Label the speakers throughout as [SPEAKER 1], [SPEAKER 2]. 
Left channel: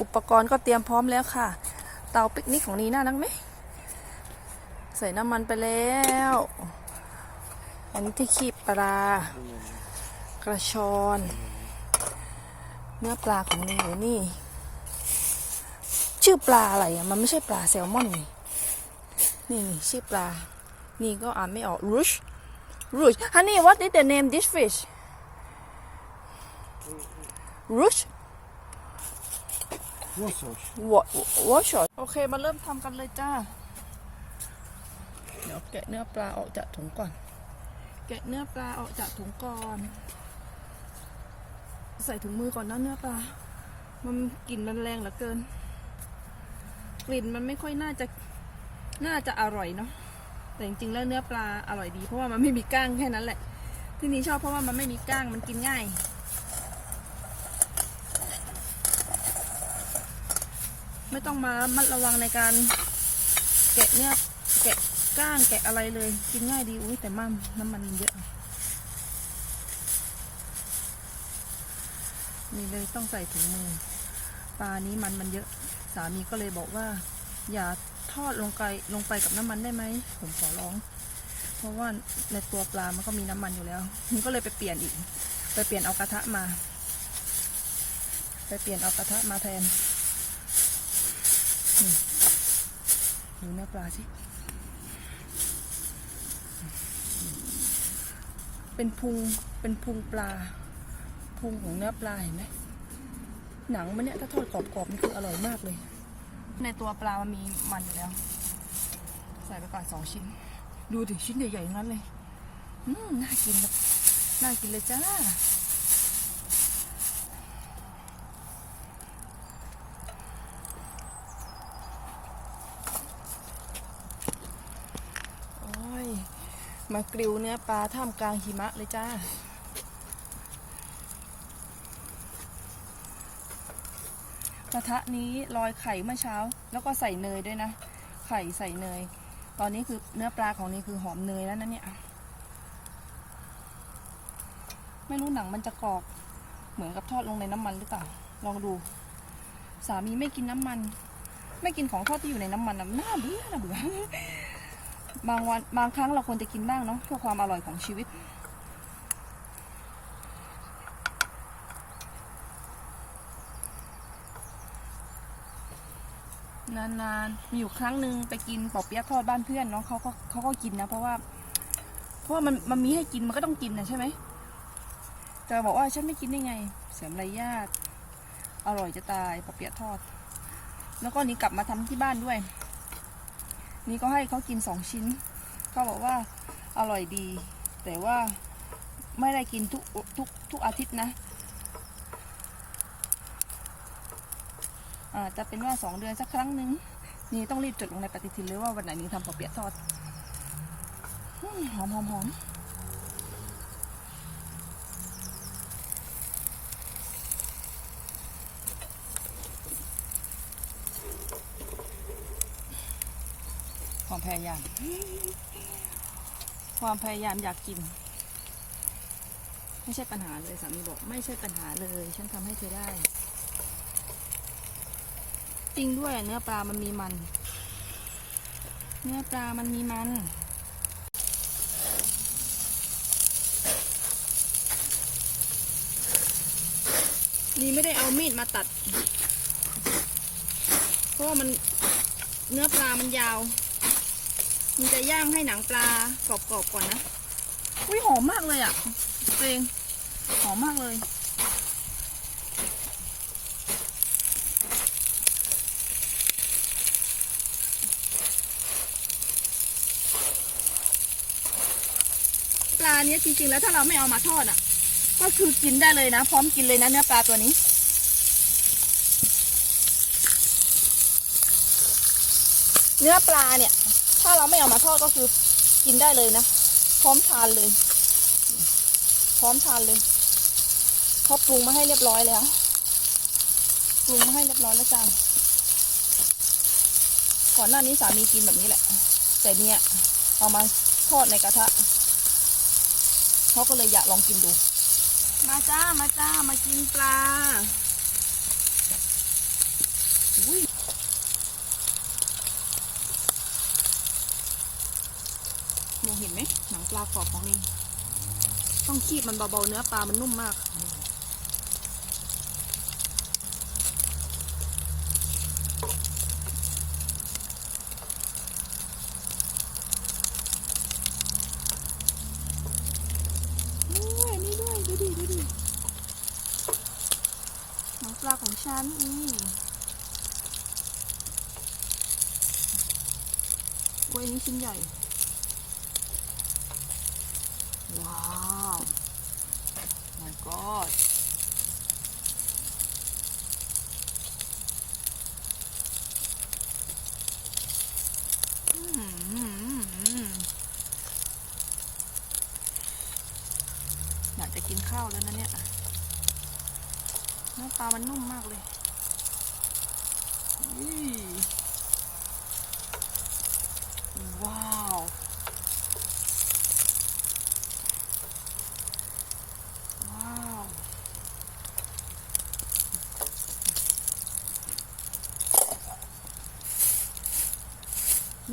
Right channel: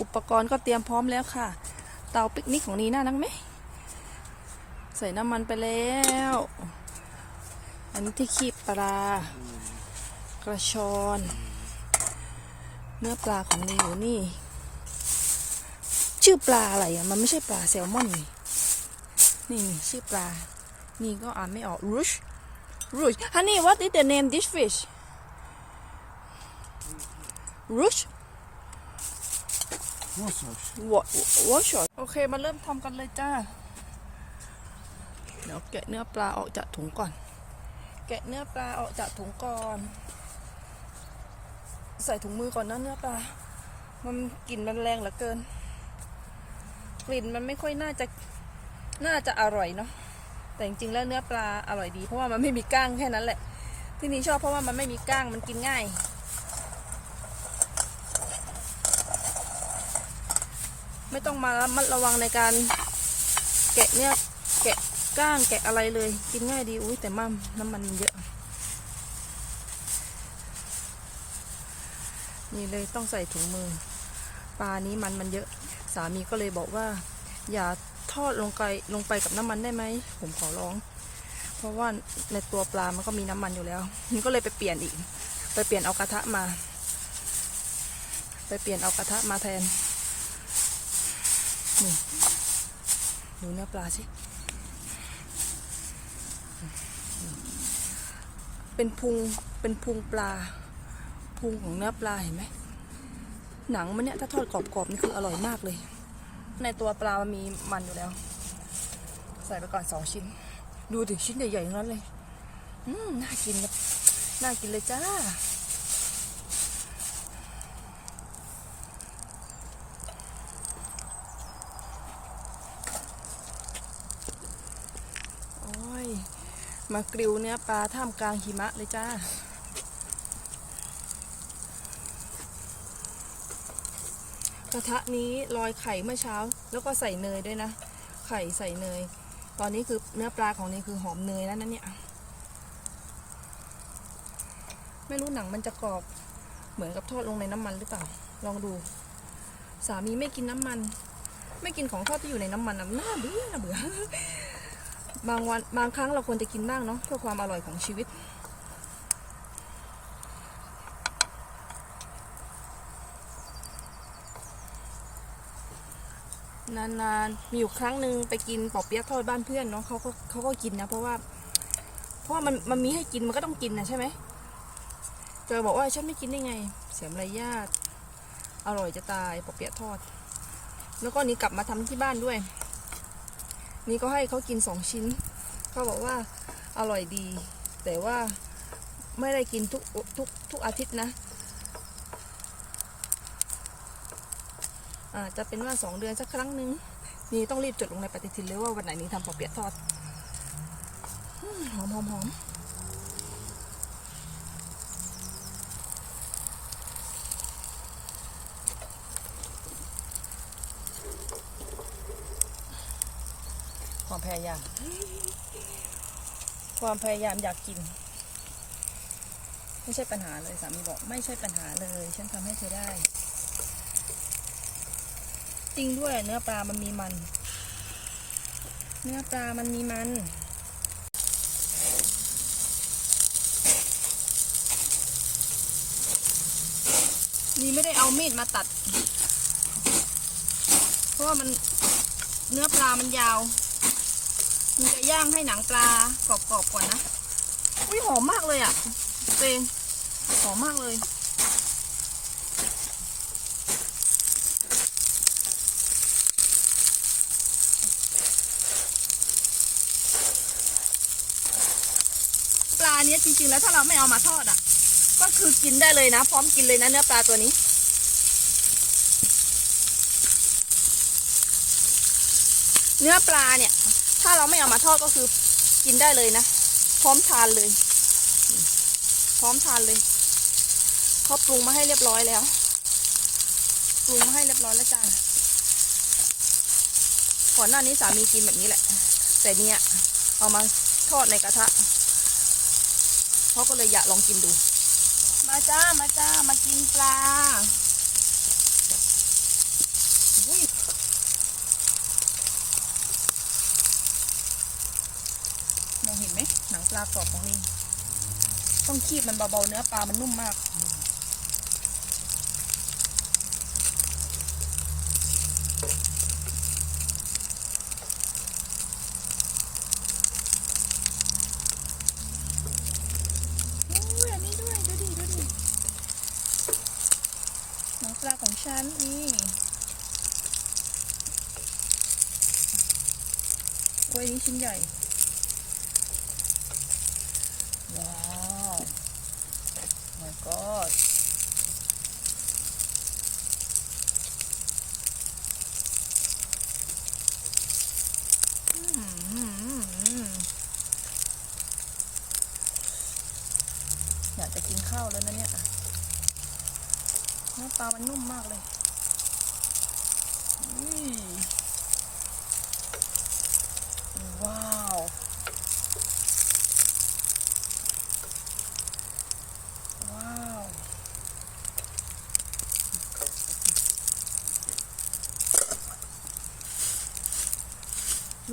[SPEAKER 1] อุปกรณ์ก็เตรียมพร้อมแล้วค่ะ เตาปิกนิกของนีน่านักไหมใส่น้ำมันไปแล้ว อันนี้ที่คีบปลากระชอน เนื้อปลาของนีอยู่นี่ ชื่อปลาอะไรอะ มันไม่ใช่ปลาแซลมอนนี่นี่นี่ชื่อปลา นี่ก็อ่านไม่ออก rush rush honey what is the name this fish rush
[SPEAKER 2] Yes, yes.
[SPEAKER 1] วอวอชโอเคมาเริ่มทำกันเลยจ้า เดี๋ยวแกะเนื้อปลาออกจากถุงก่อน แกะเนื้อปลาออกจากถุงก่อน ใส่ถุงมือก่อนนะเนื้อปลา มันกลิ่นมันแรงเหลือเกิน กลิ่นมันไม่ค่อยน่าจะ น่าจะอร่อยเนาะ แต่จริงๆแล้วเนื้อปลาอร่อยดี เพราะว่ามันไม่มีก้างแค่นั้นแหละ ที่นี่ชอบเพราะว่ามันไม่มีก้างมันกินง่าย ไม่ต้องมาระมัดระวังในการแกะเนี่ยแกะก้างแกะอะไรเลย กินง่ายดีอุ้ยแต่มั่มน้ำมันเยอะ นี่เลยต้องใส่ถุงมือปลานี้มันมันเยอะสามีก็เลยบอกว่า อย่าทอดลงไปลงไปกับน้ำมันได้ไหมผมขอร้อง เพราะว่าในตัวปลามันก็มีน้ำมันอยู่แล้วมันก็เลยไปเปลี่ยนอีก ไปเปลี่ยนเอากระทะมา ไปเปลี่ยนเอากระทะมาแทน ดูเนื้อปลาสิ เป็นพุง เป็นพุงปลา พุงของเนื้อปลาเห็นไหม หนังมันเนี่ยถ้าทอดกรอบๆนี่คืออร่อยมากเลย ในตัวปลามันมีมันอยู่แล้ว ใส่ไปก่อนสองชิ้น ดูดิชิ้นใหญ่ๆทั้งนั้นเลย อืม น่ากินครับน่ากินเลยจ้า โอ้ย มากริวเนื้อปลาท่ามกลางหิมะเลยจ้า กระทะนี้ลอยไข่เมื่อเช้า แล้วก็ใส่เนยด้วยนะ ไข่ใส่เนย ตอนนี้คือเนื้อปลาของนี่คือหอมเนยแล้วนะเนี่ย ไม่รู้หนังมันจะกรอบ เหมือนกับทอดลงในน้ำมันหรือเปล่า ลองดู สามีไม่กินน้ำมัน ไม่กินของทอดที่อยู่ในน้ำมันน่าเบื่อน่าเบื่อ บางวันบางครั้งเราควรจะกินบ้างเนาะเพื่อความอร่อยของชีวิต นานๆ มีอยู่ครั้งหนึ่งไปกินปอเปี๊ยะทอดบ้านเพื่อนเนาะเขาก็เขาก็กินนะ เพราะว่า เพราะว่ามันมันมีให้กินมันก็ต้องกินนะใช่ไหมจะบอกว่าฉันไม่กินได้ไง เสียมารยาทอร่อยจะตายปอเปี๊ยะทอด แล้วก็นี่กลับมาทำที่บ้านด้วย นี่ก็ให้เขากินสองชิ้นเขาบอกว่าอร่อยดี แต่ว่าไม่ได้กินทุกทุกทุกอาทิตย์นะอาจจะเป็นว่าสองเดือนสักครั้งหนึ่งนี่ต้องรีบจดลงในปฏิทินเลยว่าวันไหนนี้ทำปอเปียกทอดอืมหอมหอมหอมความ พยายาม ความพยายามอยากกิน ไม่ใช่ปัญหาเลยสามีบอกไม่ใช่ปัญหาเลยฉันทำให้เธอได้ จริงด้วยเนื้อปลามันมีมัน เนื้อปลามันมีมันนี่ไม่ได้เอามีดมาตัด เพราะว่ามันเนื้อปลามันยาว มันจะย่างให้หนังปลากรอบๆก่อนนะ อุ้ยหอมมากเลยอะ่ะเตงหอมมากเลย ปลาเนี้ยจริงๆแล้วถ้าเราไม่เอามาทอดอะ ก็คือกินได้เลยนะ พร้อมกินเลยนะเนื้อปลาตัวนี้เนื้อปลาเนี่ย ถ้าเราไม่เอามาทอดก็คือกินได้เลยนะ พร้อมทานเลย พร้อมทานเลยเขาปรุงมาให้เรียบร้อยแล้ว ปรุงมาให้เรียบร้อยแล้วจ้าก่อนหน้านี้สามีกินแบบนี้แหละ แต่เนี่ยเอามาทอดในกระทะเขาก็เลยอยากลองกินดู มาจ้า มาจ้า มา อุ้ยมองเห็นไหมหนังป ลากรอบของนี่ต้องคีบมันเบาๆเนื้อปลามันนุ่มมากโอ้ยอันนี้ด้วยดูดิดูดิหนังปลาของฉันนี่กล้วยนี้ชิ้นใหญ่ ว้าว my god อืมอยากจะกินข้าวแล้วนะเนี่ยหน้าตามันนุ่มมากเลยอุ้ยว้าว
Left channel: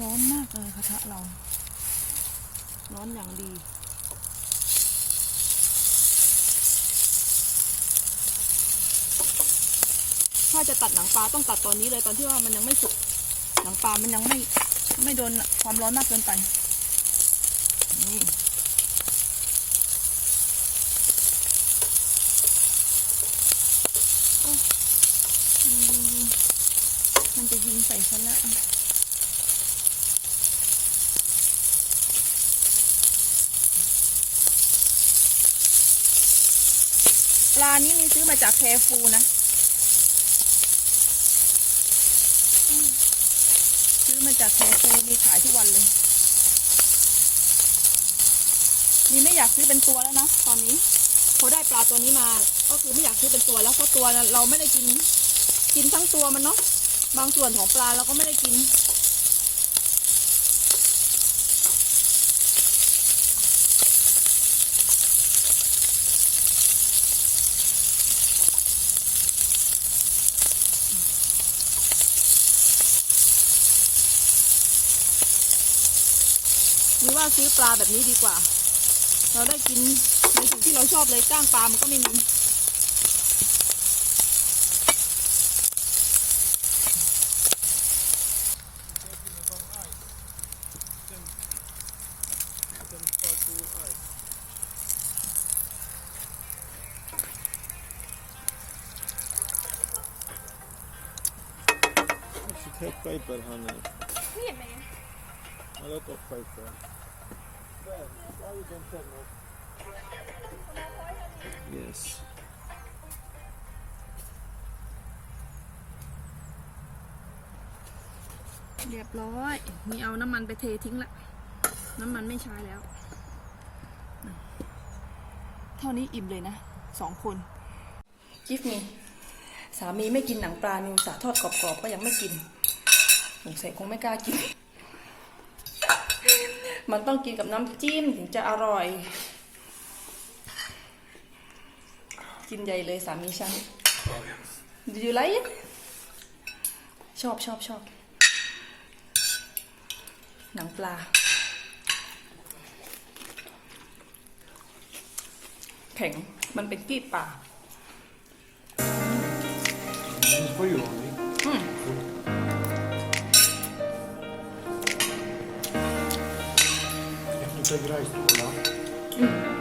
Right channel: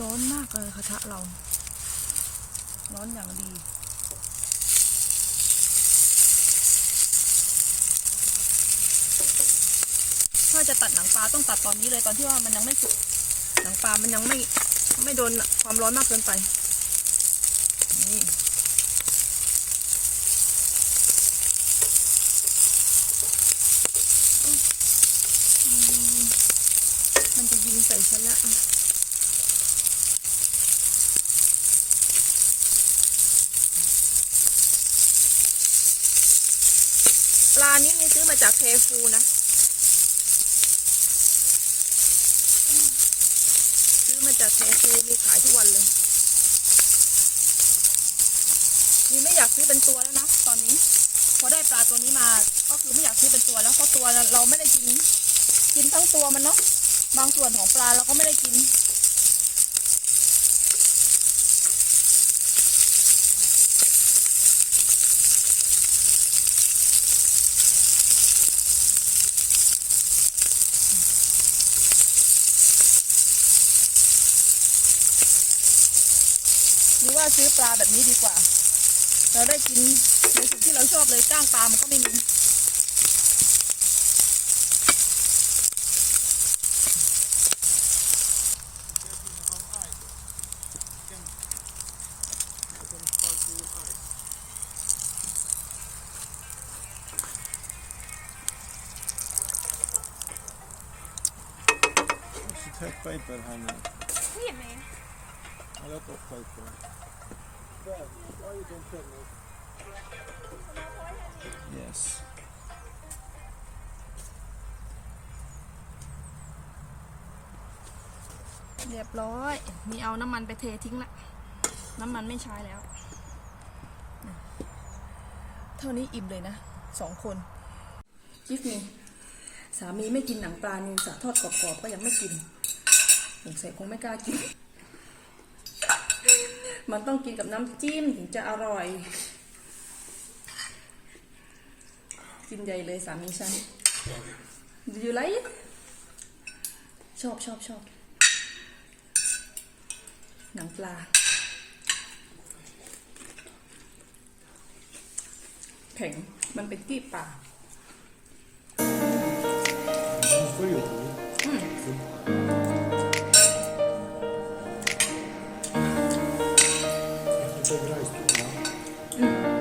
[SPEAKER 1] ร้อนมากเลยกระทะเรา ร้อนอย่างดี ถ้าจะตัดหนังปลาต้องตัดตอนนี้เลยตอนที่ว่ามันยังไม่สุก หนังปลามันยังไม่ไม่โดนความร้อนมากเกินไป นี่โอ๊ยอืมมันจะยิงใส่ฉันแล้วอะ ปลานี้มีซื้อมาจากแคฟูนะ ซื้อมาจากแคฟูมีขายทุกวันเลย นี่ไม่อยากซื้อเป็นตัวแล้วเนาะตอนนี้พอได้ปลาตัวนี้มา ก็คือไม่อยากซื้อเป็นตัวแล้วเพราะตัวเราไม่ได้กิน กินทั้งตัวมันเนาะบางส่วนของปลาเราก็ไม่ได้กิน หรือว่าซื้อปลาแบบนี้ดีกว่า เราได้กินในสิ่งที่เราชอบเลยจ้างปลามันก็ไม่มี
[SPEAKER 2] You should take paper, honey. A lot of paper. There, why you don't tell me? Yes.
[SPEAKER 1] เรียบร้อยมีเอาน้ำมันไปเททิ้งละ น้ำมันไม่ใช้แล้ว เท่านี้อิ่มเลยนะสองคน กิฟนี่สามีไม่กินหนังปลานิวสาทอดกรอบๆก็ยังไม่กินสงสัยคงไม่กล้ากิน มันต้องกินกับน้ำจิ้มถึงจะอร่อย กินใหญ่เลยสามีฉัน Do you like it ชอบชอบชอบหนังปลา แข็ง มันเป็นกีบปลา
[SPEAKER 2] for you,
[SPEAKER 1] only.
[SPEAKER 2] You take rice too, no?
[SPEAKER 1] อืม